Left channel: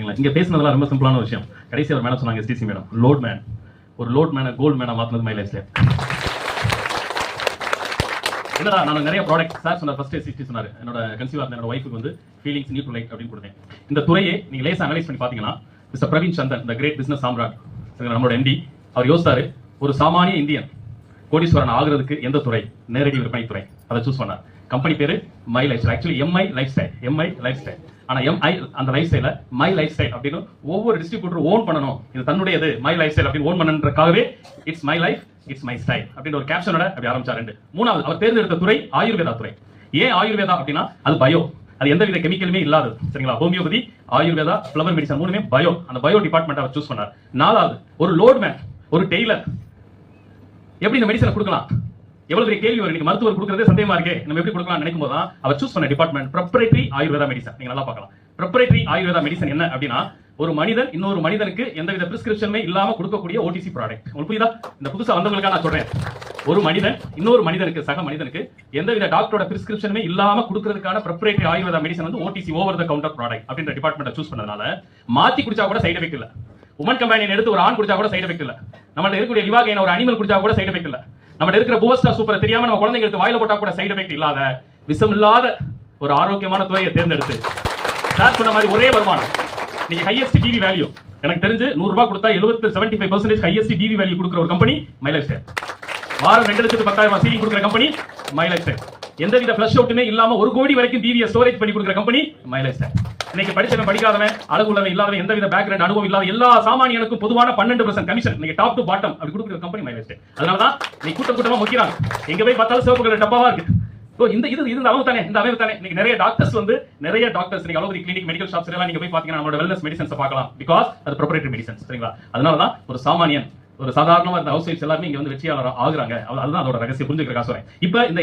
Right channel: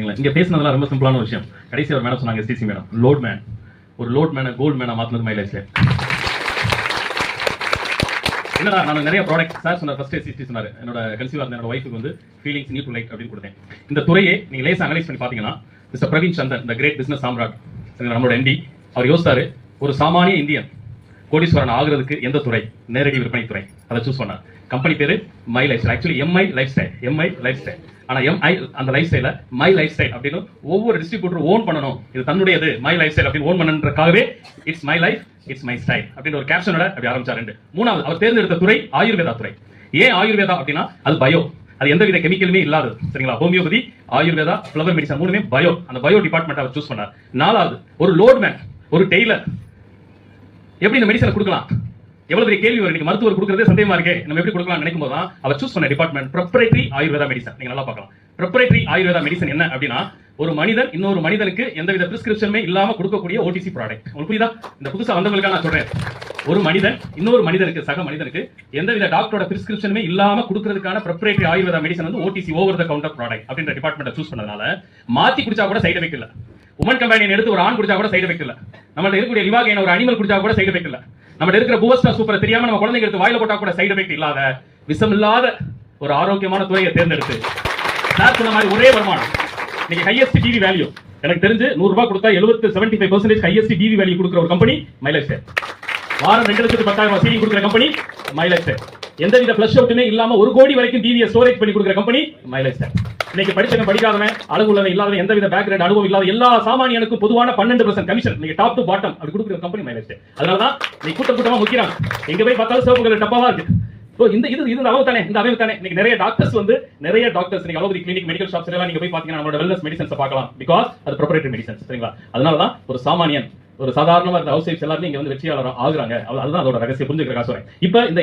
இங்க பேசுனதெல்லாம் ரொம்ப சிம்பிளான ஒரு விஷயம். கடைசி ஒரு மேடம் சொன்னாங்க, எஸ்டிசி மேடம், லோட் மேன், ஒரு லோட் மேனை கோல்ட் மேனை மாத்தினது மை லைஃப்ல. என்னடா நான் நிறைய ப்ராடக்ட் சார் சொன்னார், ஃபர்ஸ்ட் எஸ்டிசி சொன்னாரு, என்னோட கன்சீவா இருந்த என்னோட ஒய்ஃபுக்கு வந்து ஃபீலிங்ஸ் நீட் டு லைக் அப்படின்னு கொடுத்தேன். இந்த துறையை நீங்க லேசா அனலைஸ் பண்ணி பாத்தீங்கன்னா, மிஸ்டர் பிரவீன் சந்தர், இந்த கிரேட் பிசினஸ் சாம்ராட், நம்மளோட எம்டி, அவர் யோசித்தாரு, ஒரு சாமானிய இந்தியன் கோடீஸ்வரன் ஆகுறதுக்கு எந்த துறை? நேரடி விற்பனை துறை. அதை சூஸ் பண்ணார். கம்பெனி பேரு my life style. Actually MI life style, MI life style. ஆனா எம்ஐ அந்த லைஃப் ஸ்டைல மை லைஃப் ஸ்டைல் அப்படின்னு ஒவ்வொரு டிஸ்ட்ரிபியூட்டர் ஓன் பண்ணணும், இது தன்னுடையது, மை லைஃப் ஸ்டைல் அப்படின்னு ஓன் பண்ணன்றதுக்காகவே it's my life, it's my style அப்படின்னு ஒரு கேப்ஷனோட அப்படி ஆரம்பிச்சாரு. மூணாவது அவர் தேர்ந்தெடுத்த துறை ஆயுர்வேதா துறை. ஏன் ஆயுர்வேதா அப்படின்னா அது பயோ, அது எந்தவித கெமிக்கலுமே இல்லாதது, சரிங்களா? ஹோமியோபதி, ஆயுர்வேதா, ஃபிளவர் மெடிசன், மூணுமே பயோ. அந்த பயோ டிபார்ட்மெண்ட் அவர் சூஸ் பண்ணார். நாலாவது ஒரு லோட் மேன், ஒரு டெய்லர். எப்படி இந்த மெடிசனை கொடுக்கலாம்? எவ்வளவு பெரிய கேள்வி வரும். மருத்துவர் கொடுக்கறதே சந்தேகமா இருக்கு, நம்ம எப்படி கொடுக்கலாம் நினைக்கும் போது அவர் சூஸ் பண்ண டிபார்ட்மெண்ட் ப்ரொப்ரைட்டரி ஆயுர்வேதா மெடிசன். நீங்க நல்லா பார்க்கலாம். ப்ரொப்ரைட்டரி ஆயுர்வேதா மெடிசன் என்ன அப்படின்னா, ஒரு மனிதன் இன்னொரு மனிதனுக்கு எந்தவித பிரிஸ்கிரிப்ஷனுமே இல்லாம கொடுக்கக்கூடிய ஓடிசி ப்ராடக்ட். உங்களுக்கு புரியுதா? இந்த புதுசா வந்தவங்களுக்காக நான் சொல்றேன். ஒரு மனிதன் இன்னொரு மனிதனுக்கு, சக மனிதனுக்கு எந்தவித டாக்டரோட பிரிஸ்கிரிப்ஷனுமே இல்லாம கொடுக்கறதுக்கான ப்ரொப்ரைட்டரி ஆயுர்வேதா மெடிசன் வந்து Odissi, over the counter product அப்படின்ற டிபார்ட்மெண்ட் சூஸ் பண்ணதுனால மாத்தி குடிச்சா கூட சைடு எஃபெக்ட் இல்ல. உமன் கம்பெனியன் எடுத்து ஒரு ஆண் குடிச்சா கூட சைடு எஃபெக்ட் இல்ல. நம்மள்ட்ட இருக்கக்கூடிய லிவாகைன் ஒரு அனிமல் குடிச்சா கூட சைடு எஃபெக்ட் இல்ல. நம்ம இருக்கிற பூவஸ்டா சூப்பர் தெரியாம நம்ம குழந்தைங்க எடுத்து வாயில போட்டா கூட சைடு எஃபெக்ட் இல்லாத, விஷம் இல்லாத ஒரு ஆரோக்கியமான துறையை தேர்ந்தெடுத்து சார் சொன்ன மாதிரி ஒரே வருமானம். நீங்க ஹையஸ்ட் டிவி வேல்யூ எனக்கு தெரிஞ்சு 100 ரூபாய் கொடுத்தா 75% ஹையஸ்ட் டிவி வேல்யூ கொடுக்கிற ஒரு கம்பெனி மை லைஃப் ஸ்டைல். வாரம் 2,10,000 சீலிங் கொடுக்கிற கம்பெனி மை லைஃப் ஸ்டைல். எந்தவித ஃபிளஷ் அவுட்டுமே இல்லாம 1 கோடி வரைக்கும் டிவியை ஸ்டோரேஜ் பண்ணி கொடுக்கிற கம்பெனி மை லைஃப் ஸ்டைல். இன்னைக்கு படிச்சவன் படிக்காதவன், அழகு உள்ளவன் இல்லாதவன், எந்தவித பேக்ரவுண்ட் அனுபவம் இல்லாத எல்லா சாமானியனுக்கும் பொதுவான 12% கமிஷன் நீங்க டாப் டு பாட்டம் அப்படி கொடுக்கிற கம்பெனி மை லைஃப் ஸ்டைல். அதனாலதான் நீ கூட்டமா முக்கிறாங்க. எங்க போய் பார்த்தாலும் சிவப்பு கலர் டப்பாவா இருக்கு. இந்த அளவு தானே, இந்த அமைப்பு தானே. இன்னைக்கு நிறைய டாக்டர்ஸ் நீங்க அலோபதி கிளினிக், மெடிக்கல் ஷாப்ஸ் எல்லாம் நீங்க போய் பாத்தீங்கன்னா நம்மளோட வெல்னஸ் மெடிசன்ஸ் பார்க்கலாம். பிகாஸ் அது ப்ரொப்ரைட்டரி மெடிசன்ஸ், சரிங்களா? அதனாலதான் ஒரு சாமானியன், ஒரு சாதாரணமா இருந்த ஹவுஸ் ஒய்ஃப்ஸ் எல்லாரும் இங்க வந்து வெற்றியாளர் ஆகுறாங்க. அதுதான் அதோட ரகசியம். புரிஞ்சுக்கிறதுக்காக சொல்றேன். இப்ப இந்த